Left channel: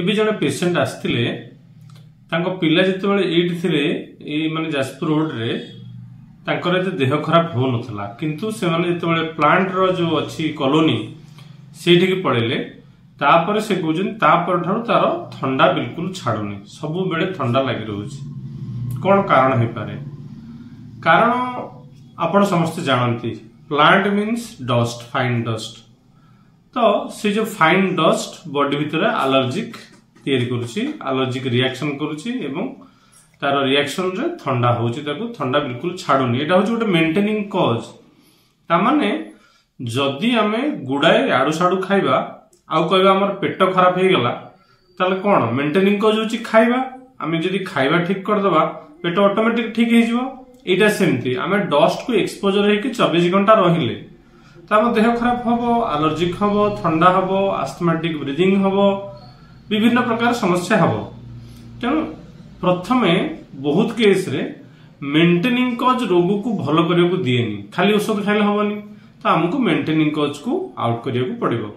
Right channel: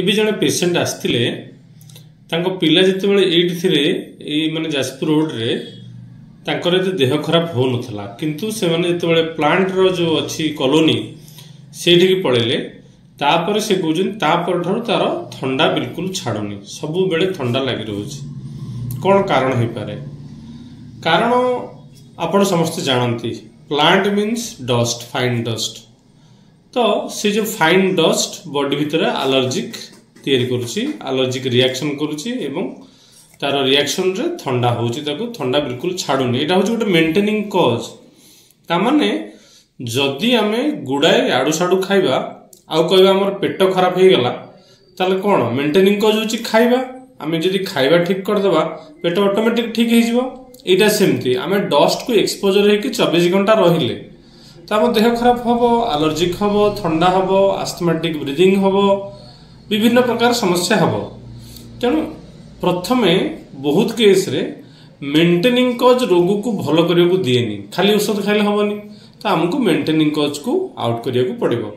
ଏବେ ଜଣେ पेशेंट आसते पिला जिते ये माने जाजपुर रोड रे तांकर देह खराब हो नथला किंतु से माने जिते प्लांट रो जो अच्छी कॉलोनी सेठी की पळेले तापर से कहउजन तापर ठारू तार ठंडा बिल्कुल छाडुनी सब बेले ठंडा लागि रहउची कोन कारण हे पारे कारण आपण समस्त जानती plant means dust fine dust तो से जो फाइन डस्ट बॉडी भीतर एलर्जिक तैयारी करूची एलर्जिक रिएक्शन करूची एवं तार रिएक्शन रे ठंडा होची ताको ठंडा बिल्कुल छाडुनी एटा होची गोटे मेंटेनिंग कॉज ता माने जदि आमे गुडाए आडू साडू खाइबा आउ कहबा हमर पेट खराब हे गेला ताले कोन मेंटेनिंग कॉज होची खाइबा आमे जदि खाइबा ठीक कर देबा पेट ऑटोमेटिक ठीक हे जिवो एटा सेमती आमे डस्ट को एक्सपोजर हे कि 24 घंटा रहिले तो आम देह खराब हम एलर्जिक हम ठंडा हम आस्थमेटिक ब्रीदिंग हम विभिन्न प्रकार समस्या हम तेणु प्रथमे बहुत केस रे मेंटेनिंग कॉज रोग को भल करने को दिएनी खाली औषध खाइले हमनी तो आमको मेंटेनिंग कॉज को आउट करने को पड़िबो।